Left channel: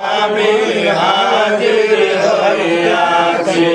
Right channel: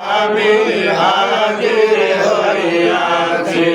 আমি হাজির হইয়াছি।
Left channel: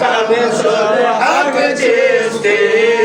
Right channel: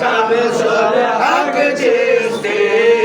sabe sobre a que